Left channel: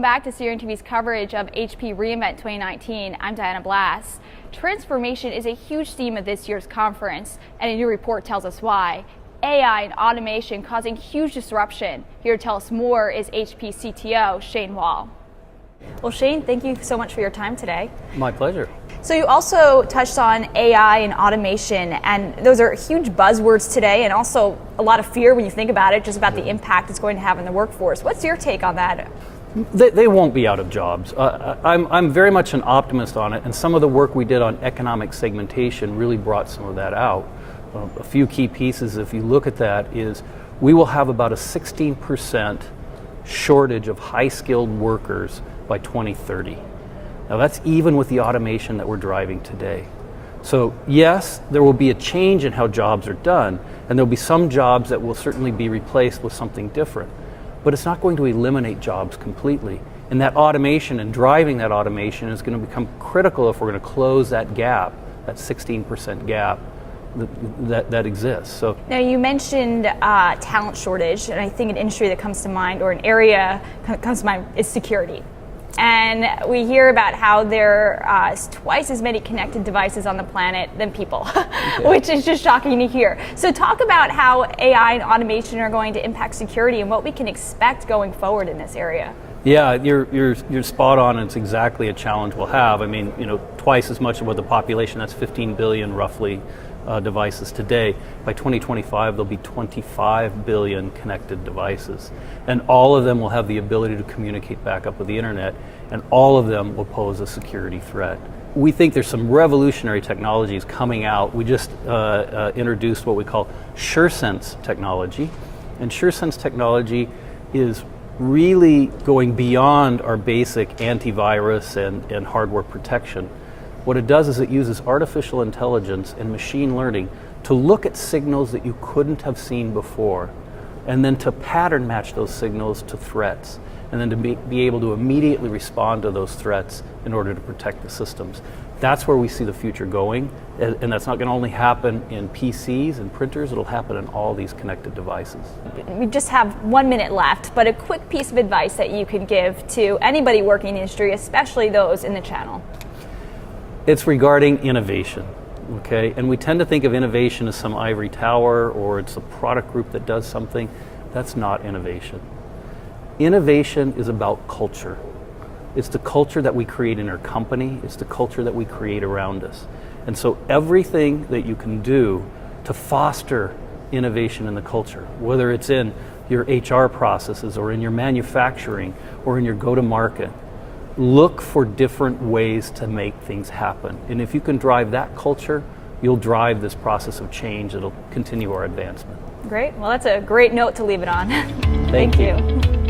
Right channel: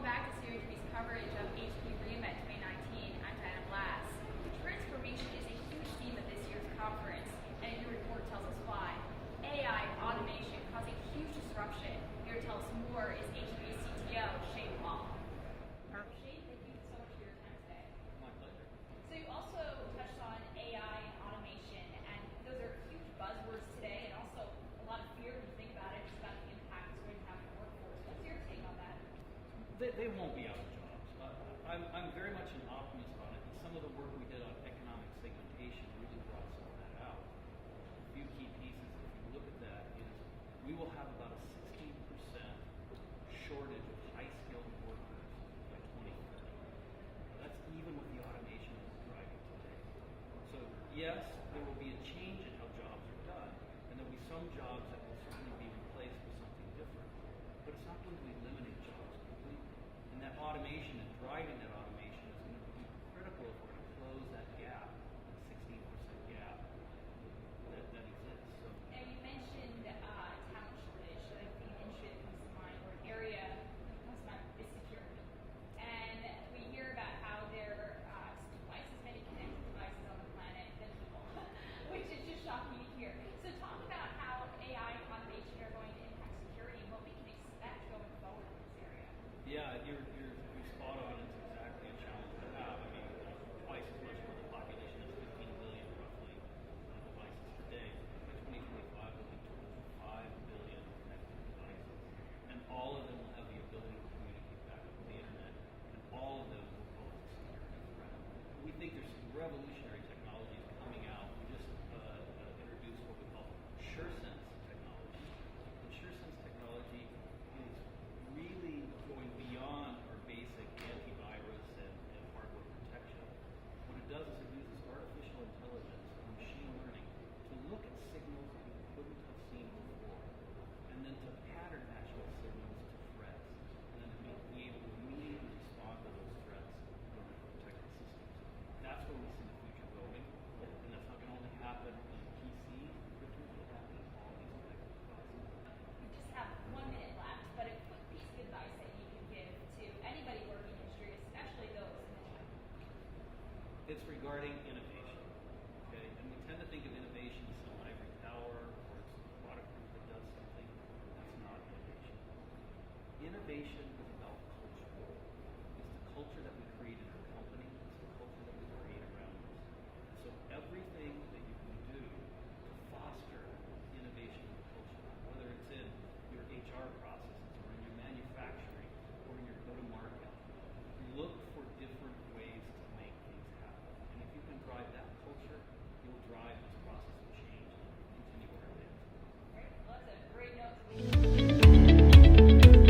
welcome back to CRN TV's coverage of HP Reinvent 2019. I'm Diana Blass. Transformation is a huge theme of this year's conference, and a new report tells us why. AI and automation causing huge disruption. Here to tell us more is HP CTO Shane Wall. Well, Shane, thank you so much for your time today. My pleasure. So you also touched on AI and automation, and those are huge buzzwords today, and also a lot of fear when you think about it, just about the impact it's going to have in the workforce. What's your take on that? They won't be out of jobs. I'm very much an optimist on it, and some of the work we did on economic segmentation really brought some of that out. A few key pieces, if you look at that, is we will have about a 16% shortage of high-skilled workers by 2030. Now that's even with the automation that we're driving today. So yes, there will be a change in how jobs are done, and there'll be some jobs that will certainly be replaced with something different. But it's not going to eliminate jobs completely. And that automation and driving that automation is going to become critical if we're going to close that gap, that 16% gap that exists. So now you mentioned talent shortage, and I think an industry that comes to mind, or an area that comes to mind, is security. And we hear about how there are twice as many connected devices on the planet than people, which is just shocking to hear. So talk about how AI and automation are going to impact security and what we can expect going forward in this area. Yeah, you're spot on. It's exactly a challenge we'll have. I mean, twice as much of what the population, that's 15 billion roughly devices today. By 2025, there'll be 25 billion connected devices. And all of them will have the ability to communicate back up with the internet, and all of them will pose a security threat. We think there's some revolutionary technologies coming out. We just introduced what we call SureSense technology. And SureSense technology is really going beyond our basic antivirus and hardware protection. What it does is it uses artificial intelligence and machine learning to look at signals that you couldn't have seen before, and then to pattern match those signals to threats, and then to be able to immediately respond to those threats in order to protect the systems. That's where we see the future going, and that's not going to only happen in PCs and printers, it'll happen in all these connected devices. We just have 1 minute left, but a quick piece of advice that you could give to anybody working in the industry, especially those in the channel. It's regarding innovation, okay? And we tend to think of innovation as some ivory tower, or it's a product group that does something. That's not innovation. Innovation is about culture. It's the culture that we create in our company. It's the culture that we create around us. And so everything that you can do to foster innovation in the culture, whether it's in your HR processes or in your manufacturing or in your go-to-market, look for different ways to make things happen. And if you can drive that culture, you'll drive this process of change that'll continue our advancement. Great. Well, that's a great note to leave it on. Thank you.